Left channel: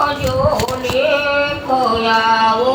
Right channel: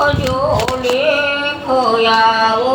લખજો લેખયાવો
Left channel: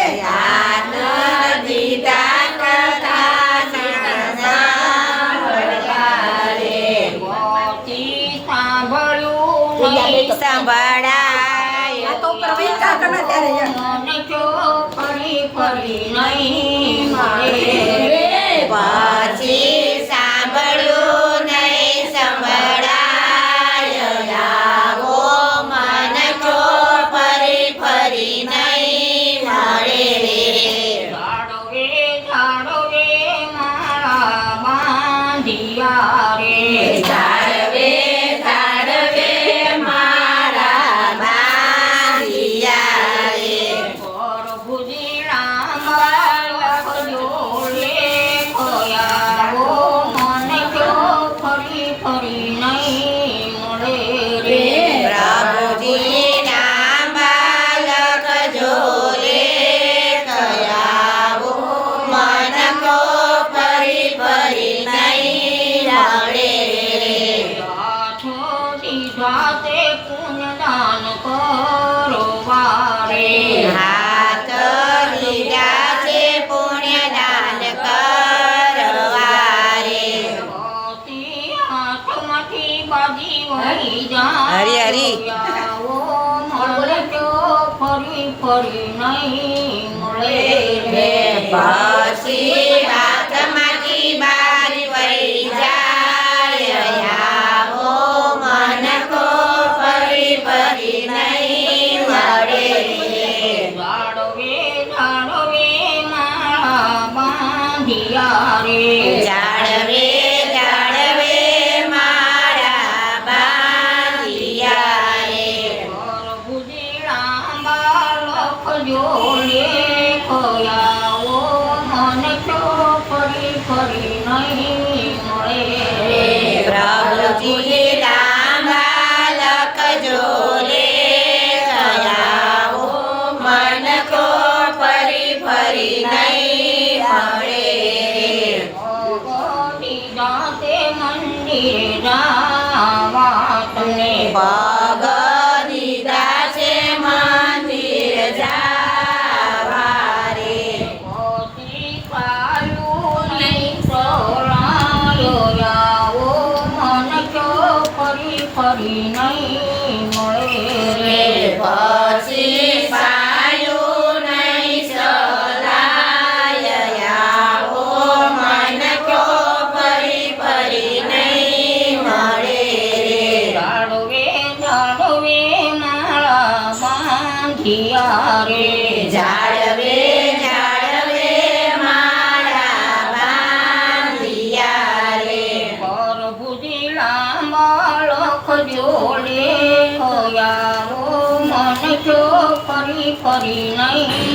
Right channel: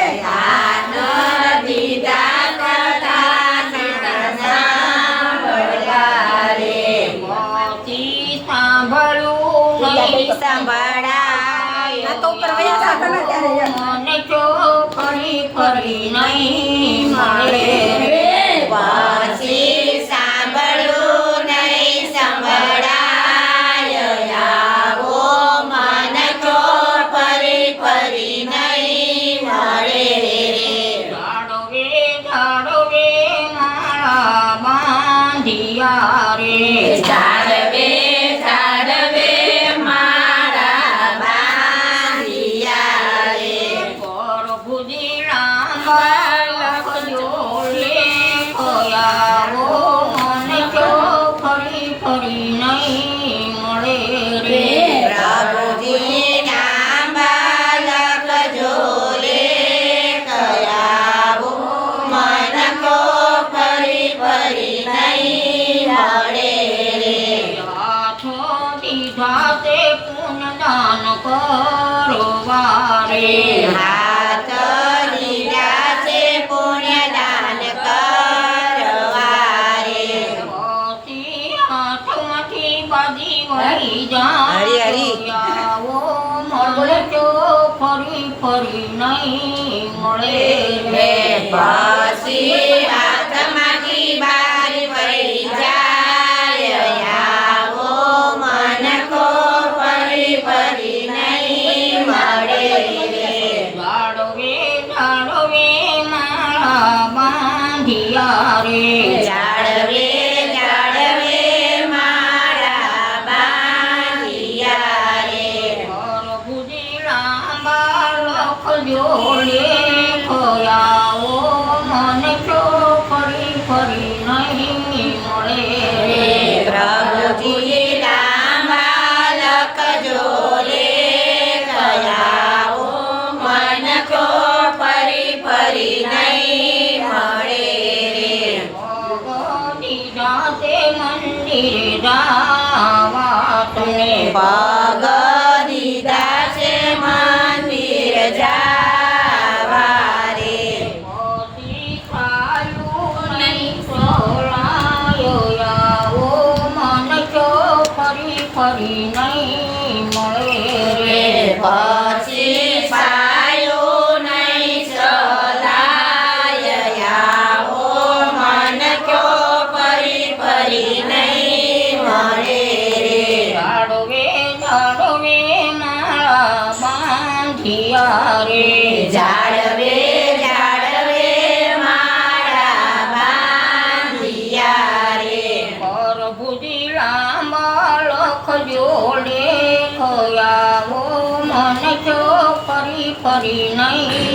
સાંભળાય સાંભળ્યું નહીં સંભળાય. આવો મન જો ફરી ફરી નહીં મળે. ઝાડવે ઝાડવે તે પુનદાન કરો વારે હાથ હાથમાંથી બાજી વળી જાય હરી, હરી. મળે તો ફરી ફરી નહીં મળે રે લખજો લેખયાવો મન જો ફરી નહીં મળે. પ્રભુજી લાંબા રે કયાવો મન કો ફરી નહીં મળે મંદિરે જાવા તમે રે જાળવે જાળવે મારા બાંધિયા રે. પ્રભુજી લાંબા લખજો લેખયાવો મન જો ફરી ફરી નહીં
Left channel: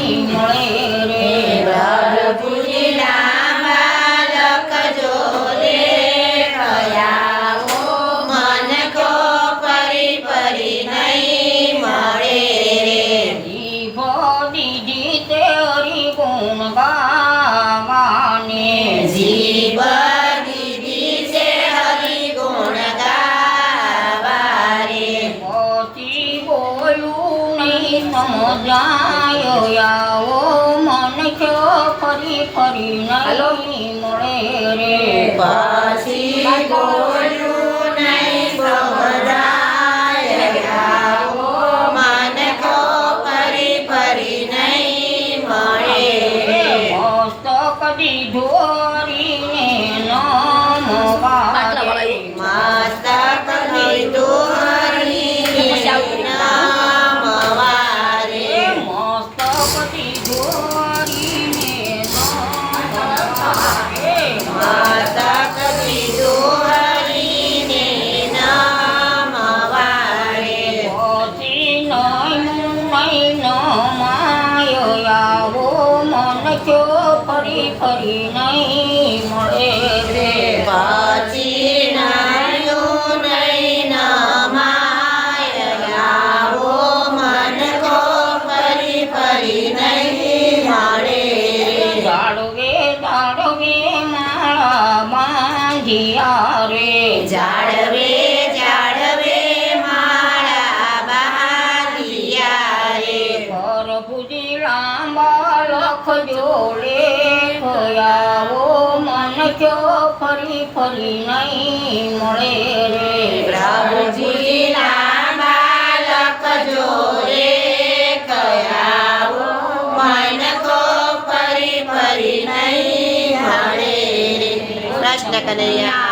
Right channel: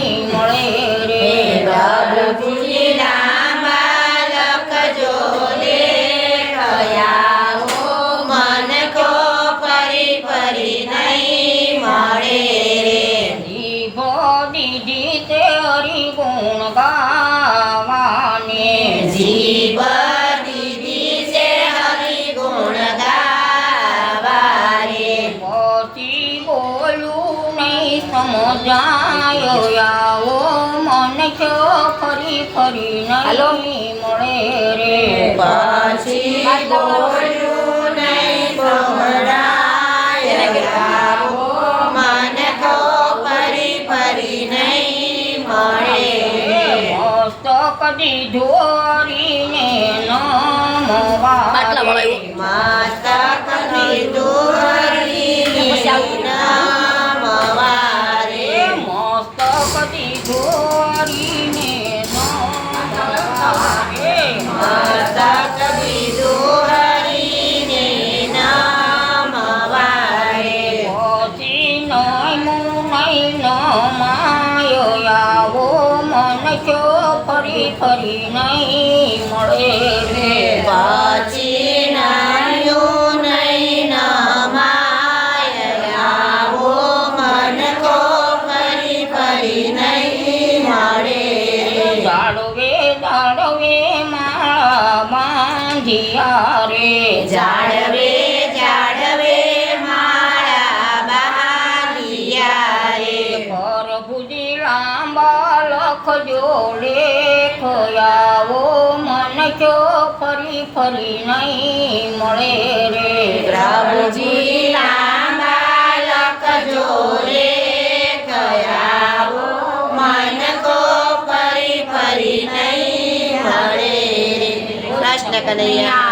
પાછી ફરી નયની મળે રે પાછી બોલું નહીં બોલાય. ધોરીને નમવા મસ્તક ધોરી નહીં રે જાળવે જાળવે મારા બાલિયાએ. ઘર પૂજી લાંબા લખ જોડે ખોયાવો, મન જો ફરી ફરી નહીં મળે રે. રાવજી 哎呀！